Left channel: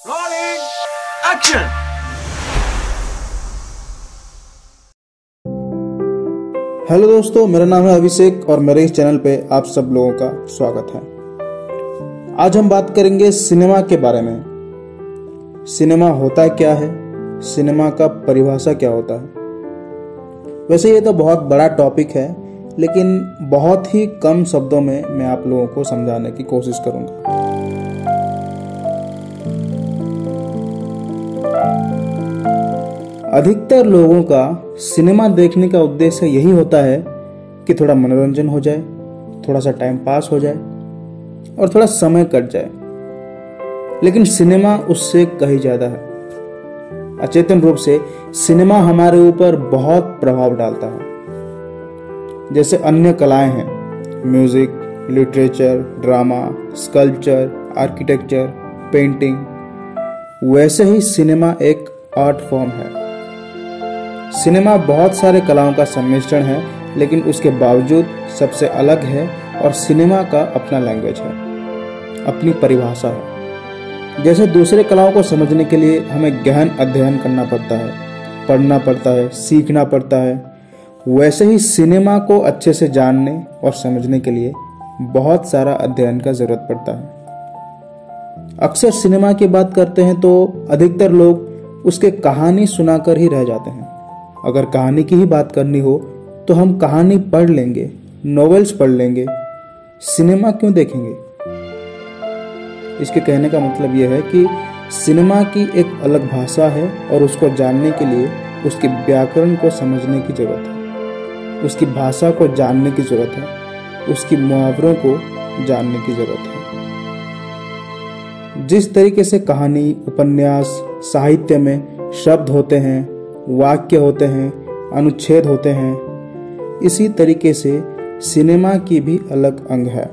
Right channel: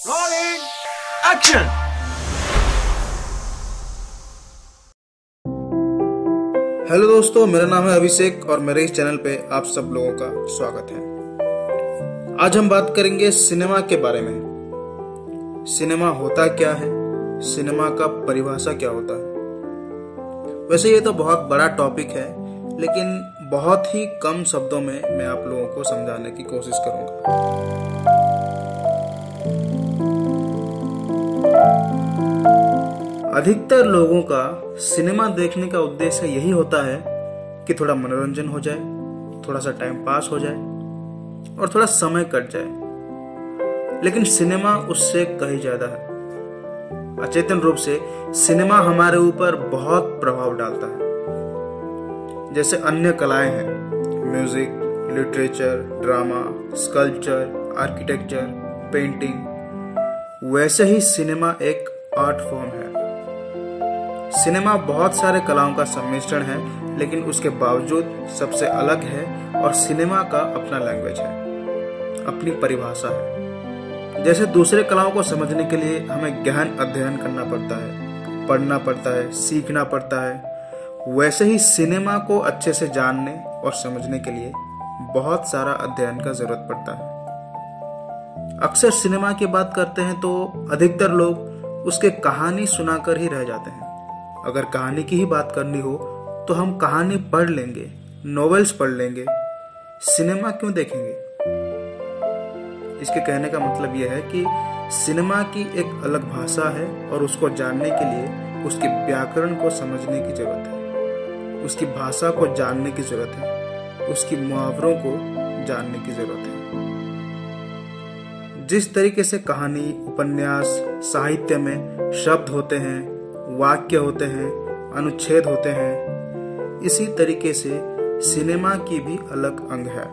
Rolling action। Hello दोस्तों, मेरा नाम है अभिषेक और मेरे इस चैनल पे आप सब लोगों का स्वागत है। आज हम बात करेंगे सिनेमा के बारे में। सिनेमा होता क्या है, सिनेमा का परिभाषा क्या होता है। वैसे ये तो बहुत बड़ा टॉपिक है, लेकिन बहुत ही कम शब्दों में मैं आप लोगों को समझाने की कोशिश करूंगा। अधिकतर लोगों का सिनेमा देखने का उद्देश्य यही होता है कि थोड़ा मनोरंजन हो जाए, थोड़ा सा टाइम पास हो जाए और थोड़ा समय कट जाए। लेकिन सिनेमा उससे कहीं ज्यादा है। अचेतन रूप से सिनेमा हमारे ऊपर बहुत प्रभाव डालता है। जैसे अन्य कलाएं हैं, music, literature, drama, sculpture, architecture, painting, वैसे ही सिनेमा एक आर्ट फॉर्म है। सिनेमा बहुत सारे कलाओं का सम्मिश्रण है, लेकिन उसके बावजूद सबसे अलग है और सिनेमा का अपना लैंग्वेज है, अपनी परिभाषा है। जैसे दूसरे कलाओं को समझने के लिए हमें गहन अध्ययन करना पड़ता है, पढ़ना पड़ता है, सीखना पड़ता है, वैसे ही सिनेमा को अच्छे से जानने और समझने के लिए बहुत सारा अध्ययन का जरूरत पड़ता है। अक्सर सिनेमा की बात करते हैं तो अधिकतर लोग उसके कहानी सुनाकर ही रह जाते हैं। अगर कहानी की ही बात करनी हो तो हम कहानी पढ़ लेंगे, नॉवेल्स पढ़ लेंगे, सिनेमा क्यों देखेंगे। इसके कहने का मतलब यह है कि सिनेमा की एक अलग भाषा है और उसको जानने के लिए उसके व्याकरण को समझने की जरूरत है, उसकी भाषा को जानने की जरूरत है, उसकी मुहावरों को जानने की जरूरत है। जिस तरीके से कहानी, उपन्यास, साहित्य में शब्द होते हैं, वाक्य होते हैं, अनुच्छेद होते हैं, इसी तरीके से सिनेमा की भी अलग अंग है।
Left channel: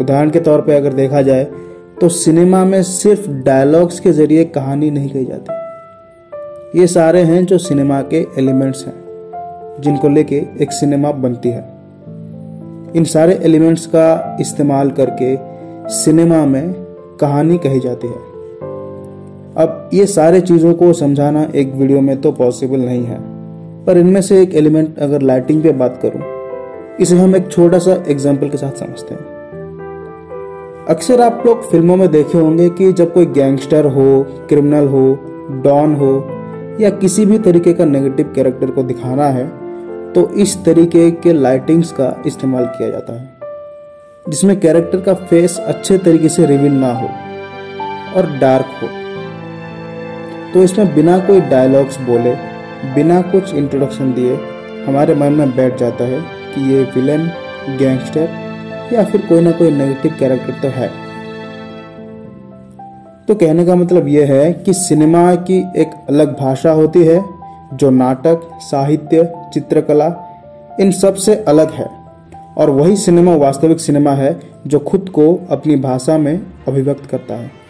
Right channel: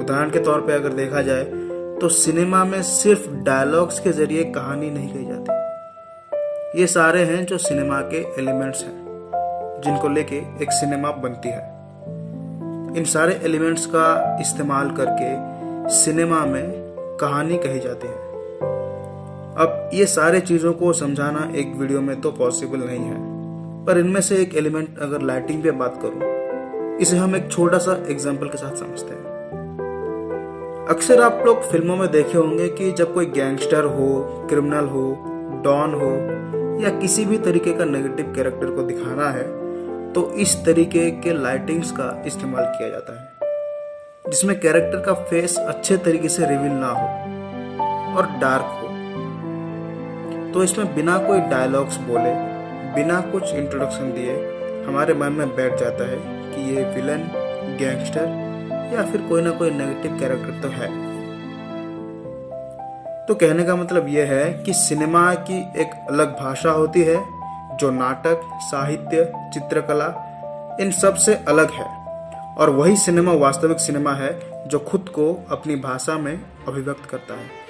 उदाहरण के तौर पे अगर देखा जाए तो सिनेमा में सिर्फ डायलॉग्स के जरिए कहानी नहीं कही जाती। ये सारे हैं जो सिनेमा के एलिमेंट्स हैं, जिनको लेके एक सिनेमा बनती है। इन सारे एलिमेंट्स का इस्तेमाल करके सिनेमा में कहानी कही जाती है। अब ये सारे चीजों को समझाना एक वीडियो में तो पॉसिबल नहीं है, पर इनमें से एक एलिमेंट अगर लाइटिंग पे बात करूं, इसे हम एक छोटा सा एग्जांपल के साथ समझते हैं। अक्सर आप लोग फिल्मों में देखे होंगे कि जब कोई गैंगस्टर हो, क्रिमिनल हो, डॉन हो या किसी भी तरीके का नेगेटिव कैरेक्टर को दिखाना है तो इस तरीके के लाइटिंग्स का इस्तेमाल किया जाता है, जिसमें कैरेक्टर का फेस अच्छे तरीके से रिवील ना हो और डार्क हो। तो इसमें बिना कोई डायलॉग्स बोले, बिना कुछ इंट्रोडक्शन दिए हमारे मन में बैठ जाता है कि ये विलन, गैंगस्टर या फिर कोई ना कोई नेगेटिव कैरेक्टर तो है। तो कहने का मतलब यह है कि सिनेमा की एक अलग भाषा होती है जो नाटक, साहित्य, चित्रकला इन सब से अलग है, और वही सिनेमा वास्तविक सिनेमा है जो खुद को अपनी भाषा में अभिव्यक्त करता है।